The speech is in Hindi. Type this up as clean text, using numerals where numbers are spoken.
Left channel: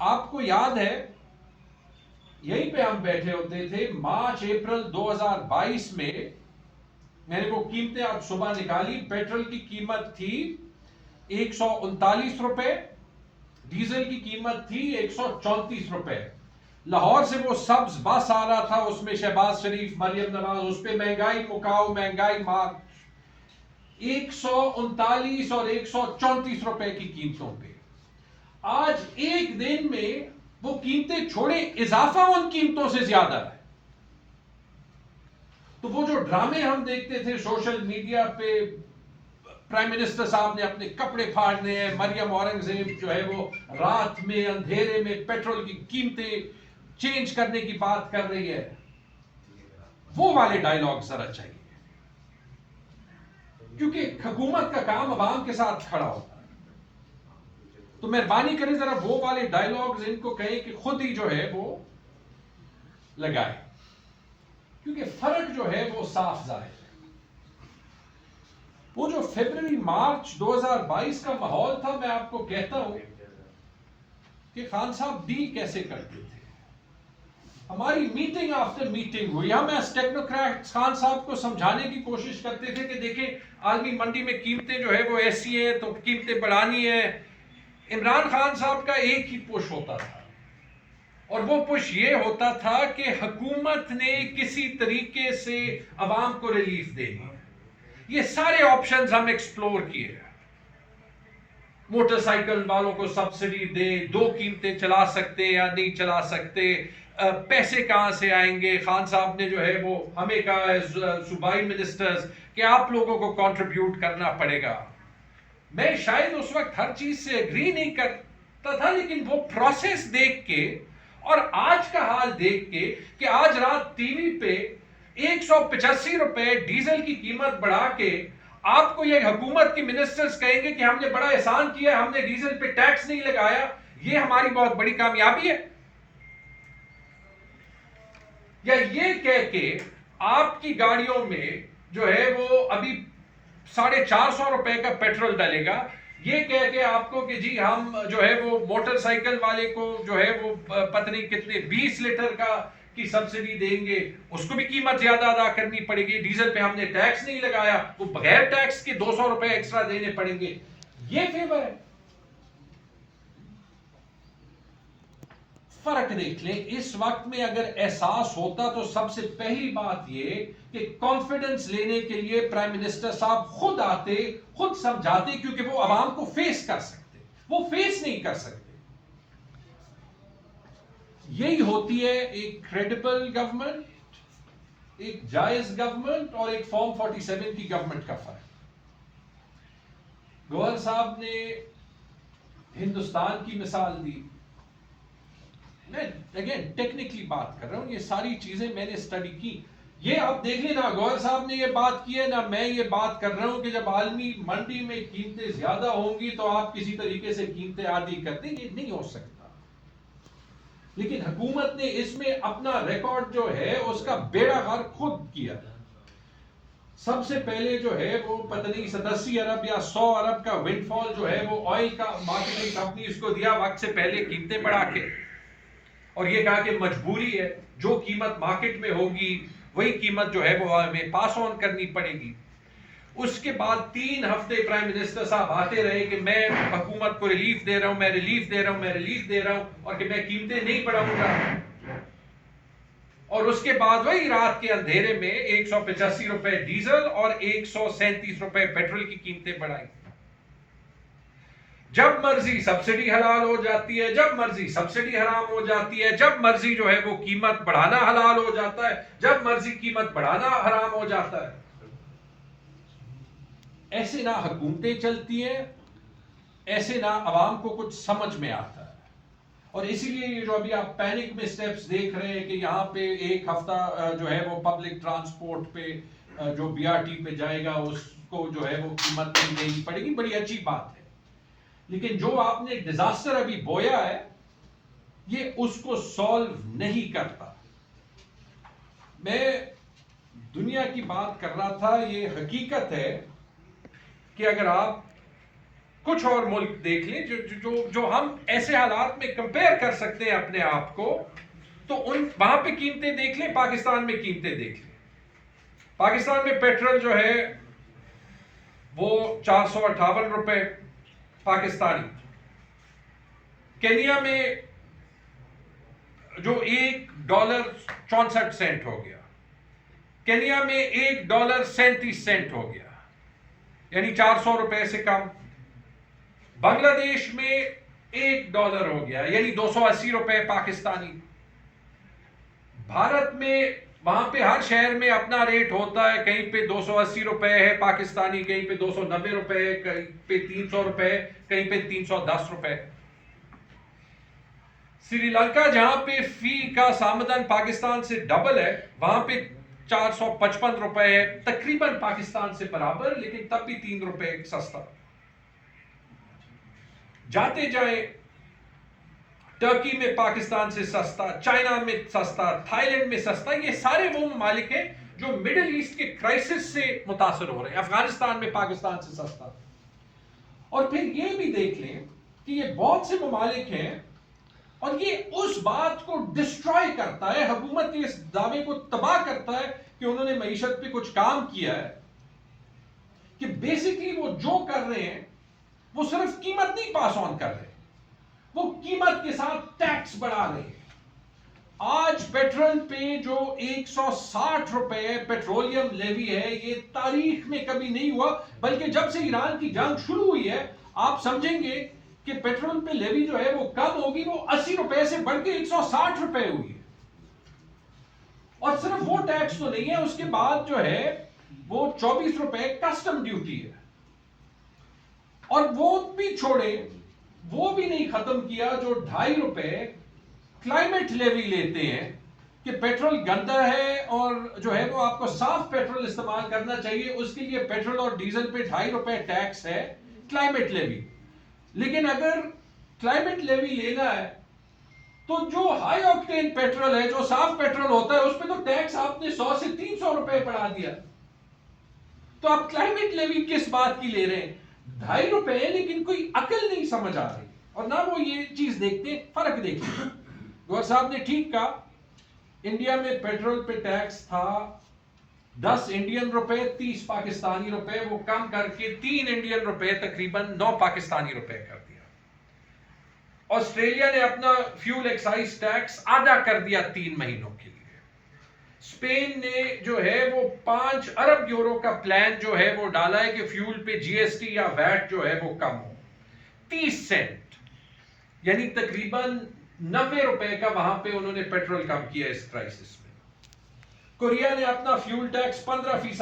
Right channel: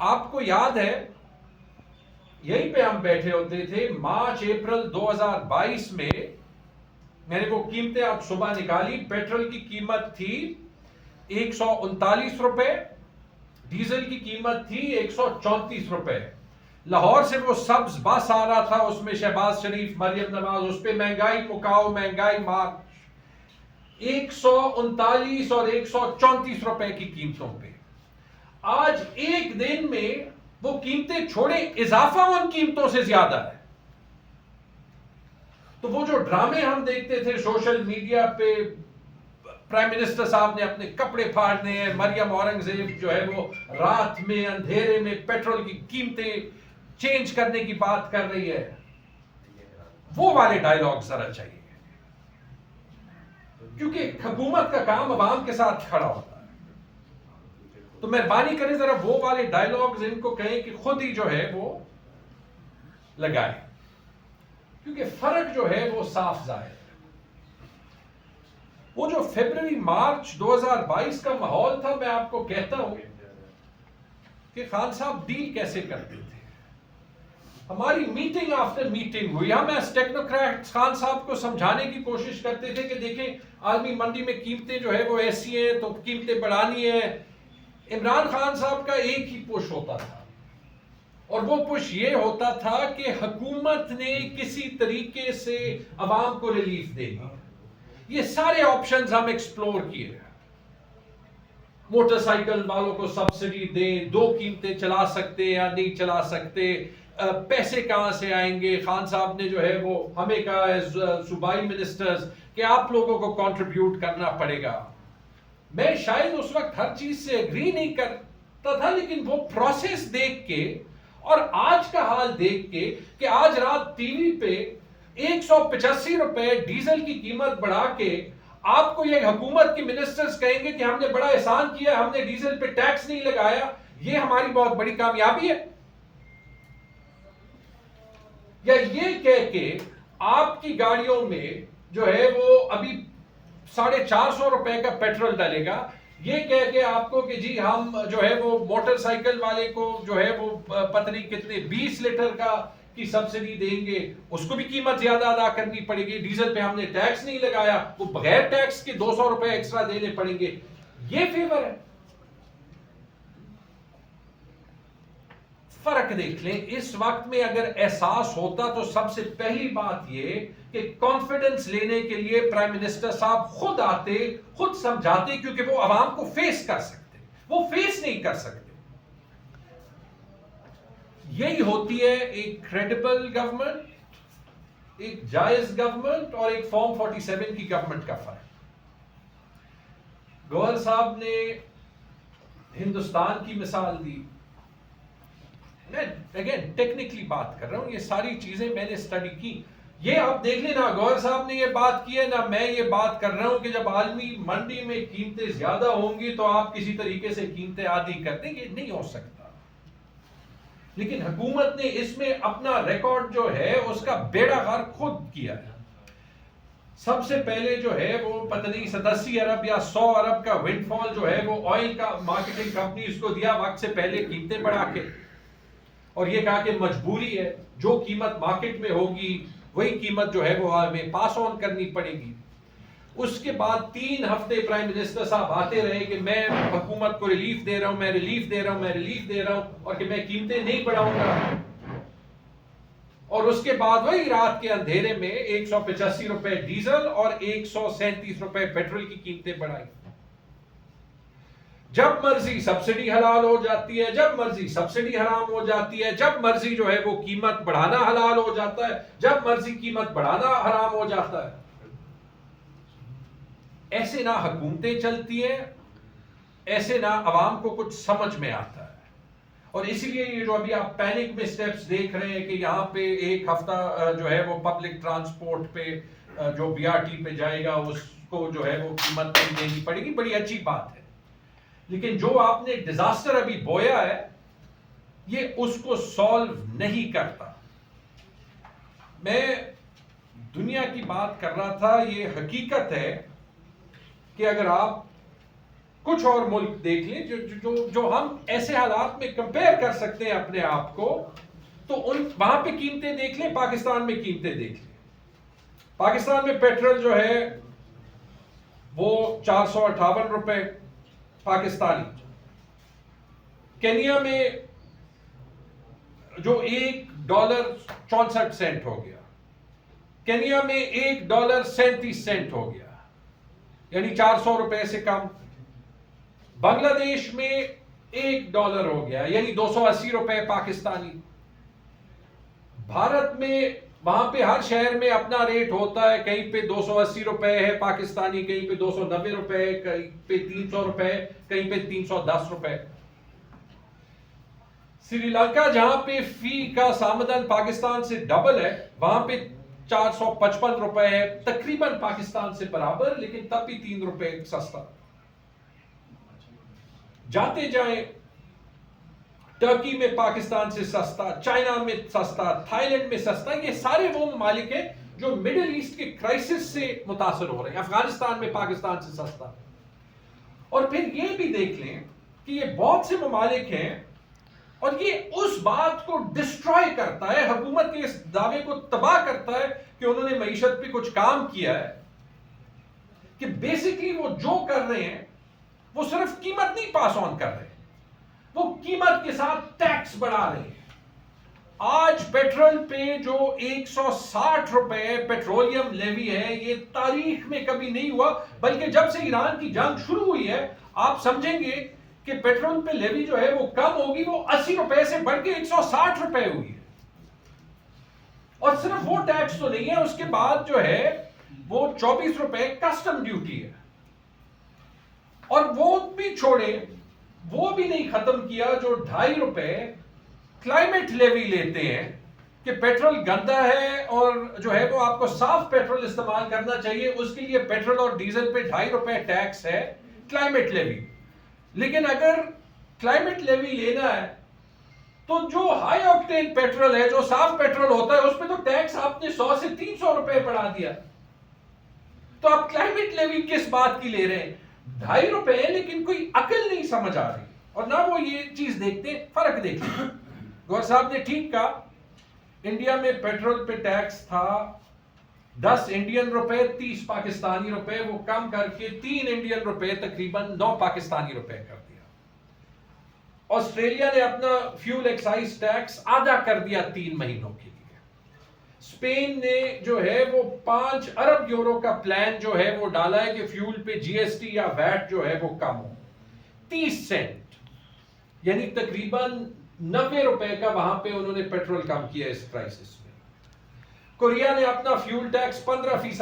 आपको याद है यहीं पे हम बैठे होते थे मार्च अप्रैल 2022 में। मैंने वो कीमतें आज सुबह निकाली। पेट्रोल की कीमत थी 139 रुपए, डीजल की कीमत थी 134 रुपए। लाहौर से वो सब्ज बस आ रहा था, उसमें शहबाज शरीफ, मरियम नवाज, उस पर महंगाई मुकाओ महंगाई मार्च। 139 और 134 रुपए की कीमतों पे आज एक दिन में वो कीमतें छोड़े, इजाफा उन कीमतों से ज्यादा है। तो वो जो ड्रामे हम देखते थे सोशल मीडिया पे, प्राइम मिनिस्टर साहब ने अपने कपड़े फाड़ने हैं, मरियम औरंगजेब जो है वो रात में अंधेरे में पेट्रोल की कीमतें चेंज करने की बात कर रही है, वो वाले डायलॉग जरा चाहिए। क्योंकि हुकूमत का काम अवाम के साथ खड़ा होता है। तो मेहरबानी करें जरा वो वाले डायलॉग्स इनको कहें कि खुद ही जो है वो लगाए, क्योंकि फर्क जो है वो साफ जाहिर है। वो जो फरवरी मार्च 2022 का माहौल था, मैं आपको कहता हूं कि खान साहब डील कैसे करते थे। हमारी मीटिंग आफ्टर मीटिंग हुई, हम एज टेक्नोक्रेट्स खान साहब को समझाने की कोशिश करते थे कि देखें आलमी मंडी में कीमतें जो है वो ऐसी हैं तो कीमतें बढ़ानी है। इमरान खान साहब का एक ही पुश होता था, और वो पुश ये होता था कि हुकूमत ने किसी तरीके से अवाम को रिलीफ देनी है। ये सारे ऑप्शंस हम एक्सप्लोर किए। मोटरसाइकिल वालों को सब्सिडी दे, दो कीमतें चला सकते या नहीं चला सकते, पैसे कहां से आएंगे। खान साहब ने जो है वो हमें कहा है सूबाई मिनिस्टर्स कि आप लोगों को कंट्रीब्यूट करना पड़ेगा। मैं शायद उस वक्त हर चीज से एग्री नहीं करता था, लेकिन वो प्रोसेस देख के और आज का हाल देख के कि आज रात टीवी पे 185 रुपए डीजल की कीमत बढ़ा के आपको ये हुकूमत के मिनिस्टर्स कहेंगे कि हमने बड़ा एहसान किया, हमने डीजल पे टैक्स नहीं लगाया, ये हमारी बहुत बड़ी कामयाबी है। या ये कह के आपकी गाड़ियों में जो है वो अभी 450 रुपए का पेट्रोल डलेगा, ये कह के आपको कि जी हम जो है वो मोटरसाइकिल वाले को जो है वो पता नहीं कितने 20 लीटर का की सब्सिडी देंगे, उसको भी कीमत ज्यादा अदा करनी पड़ेगी। डीजल पे हमने टैक्स नहीं लगाया, वो बगैर टैक्स के 200 रुपए एक्स्ट्रा देने पड़ेंगे। ये फेवर है। फर्क देख लें। इस वक्त में अगर एहसास होता तो सबसे पहली बात ये कि कॉन्फिडेंस लेने के लिए प्राइम मिनिस्टर साहब खुद आते, खुद समझाते, क्योंकि वो आवाम को फेस कर सकते, वो फेस नहीं कर सकते। यही होती है एक क्रेडिबल गवर्नमेंट, एक जायज गवर्नमेंट और एक फॉर्म 47 की गवर्नमेंट का फर्क। गवर्नर साहब ने हिंदुस्तान की मिसाल दी। मैं अगेन टेक्निकली बात कर रहा हूं, ये सारी चीजें मैंने स्टडी की। ये आप देख लेना, गौहर साहब ने ये बात की है ना, मैं ये बात कर रहा हूं कि जब आलमी मंडी में कीमतें ज्यादा होंगी तो आप किसी तरीके से कीमतें आधी कर देंगे, नहीं हो सकता। लेकिन हुकूमत ने इसमें अपना रिकॉर्ड जो है उसका बेड़ा गर्क खुद किया है। सबसे पहले जो है वो पता नहीं 87 अरब या 100 अरब का विंडफॉल जो है वो ऑयल का मार्केटिंग कंपनी को दिया वक्त से पहले कीमतें बढ़ा के, और ये कहा कि मजबूरी है, जो कीमत मार्केट में होगी वही कीमत जो है वो हमें पास ऑन करनी पड़ेगी। उसके बाद 3 हफ्ते प्राइम मिनिस्टर साहब आते रहे कि मैं हुकूमत को रिलीफ दे रहा हूं, मैं रिलीफ दे रहा हूं, मैं रिलीफ दे रहा हूं, और कि मैं कीमतें नहीं बढ़ाऊंगा। और उसके बाद वही रात के अंधेरे में 185 रुपए डीजल और 137 रुपए पेट्रोल की कीमतें बढ़ाई। जब मर्जी सब्सिडी हलाल हो जाती है, जब मर्जी सब्सिडी हराम हो जाती है, जब मर्जी जो है वो कीमत बढ़ाना हलाल हो जाता है, जब मर्जी कीमत बढ़ाना हराम हो जाता है। ऐसे ना हुकूमतें चलती है, ऐसे ना अवाम को कुछ समझ में आता है। और इसीलिए ये जो अभी आप पैनिक में स्टेप्स देख रहे हैं कि यहाँ पे एक हफ्ता जो है वो पब्लिक ट्रांसपोर्ट पे जो बीआरटी पे जाएगा उसको जो है वो कीमत नहीं देनी पड़ेगी, बड़ी अच्छी बात है। लेकिन जो आपने डिजास्टर अभी बोया है ये उसको सॉल्व नहीं करता। मैं दुनिया की बात कर रहा था। ये हकीकत है कि अगर आप कुछ और मुल्क देख लें जो हम ऐसे हालात में कंपेयर कर सकते हैं अपने आप को, तो उन वहां पे कीमतें देख लें, पाकिस्तान में कीमतें देख लें। पाकिस्तान में पेट्रोल जो है वो 458 रुपए पाकिस्तानी। केन्या में जो $1.64 हो गया, केन्या में $1.37 हो गया, यानी 400 रुपए से कम। बांग्लादेश में $1 हो गया, यानी 280 रुपए पाकिस्तानी। भारत में वहां पे हर शहर में अपना रेट होता है, कहीं पे 280 रुपए है पाकिस्तानी, कहीं पे 290 रुपए, कहीं पे 300 रुपए, कहीं पे 310 रुपए। श्रीलंका जहां पे फी का सामदन पाकिस्तान से डबल है, वहां पे 455 रुपए है, तकरीबन पाकिस्तान से बराबर, लेकिन तब भी 3 रुपए सस्ता। जाते जाए टर्की में पाकिस्तान से सस्ता, चाइना में सस्ता, थाईलैंड में सस्ता। ये सारे वो ममालिक हैं जो मिडिल ईस्ट के क्राइसिस से मुतासर हो रहे हैं। अफगानिस्तान में पाकिस्तान से सस्ता। और फिर ये भी देख लें कि ये बहुत से ममालिक हैं और ये उस बात को डिस्ट्रॉय करता है, हुकूमत के इस दावे को तबाह करता है कि उन्होंने मईशत पे कुछ काम किया है, कि बेसिकली वो जो कर रहे हैं वो सिर्फ कीमत नहीं पास ऑन कर रहे, वो कीमत के साथ टैक्स बढ़ा रहे हैं। आज पेट्रोल पे जो 160 रुपए पेट्रोलियम लेवी है, ये तारीख में कभी नहीं हुआ, बल्कि जब से ईरान की जंग शुरू हुई है आप समझेंगे कि पेट्रोल पे लेवी जो है वो कम होगी, वो 80 रुपए से बढ़ के 160 रुपए हुई है। और सिर्फ वो टैक्स तो नहीं है, उसके बाद जो है वो 24 रुपए कस्टम ड्यूटी है। और वो भी छोड़े, वो भी नहीं खत्म किया जो 2.5 रुपए क्लाइमेट लेवी लेते हैं कि पेट्रोल गंदा है और जो है वो आपको साफ पेट्रोल इस्तेमाल करना चाहिए, उसके लिए पेट्रोल और डीजल पे 2.5 रुपए टैक्स है, क्लाइमेट लेवी। लेकिन अगर क्लाइमेट लेवी लेना है तो जो हाई ऑक्टेन पेट्रोल है, जो साफ पेट्रोल होता है, उस पर तो टैक्स आपने 100 से 300 रुपए बढ़ा दिया। तो आप क्लाइमेट लेवी किस बात की ले रहे हैं? 2.5 रुपए, लेकिन कोई अकल नहीं समझ आ रही और ना वो ये चीज देखते, फर्क देखते। गौर साहब ने ठीक कहा, इंडिया में पेट्रोल पे टैक्स था 10 इंडियन रुपए, 30 पाकिस्तानी रुपए, वो कम करके 3 इंडियन रुपए, तकरीबन 9 पाकिस्तानी रुपए कर दिया। ऑस्ट्रेलिया ने अपना फ्यूल एक्साइज टैक्स आधा कर दिया 3 महीनों के लिए। स्पेन ने जो है वो 5 अरब यूरो का प्लान जो है वो डाला है कि फ्यूल पे जीएसटी या वैट जो है वो कम हो, 30 सेंट, यानी तकरीबन 90 रुपए का वहां पे उन्होंने पेट्रोल कम किया इस क्राइसिस में। कोरिया ने अपना फ्यूल टैक्स 15%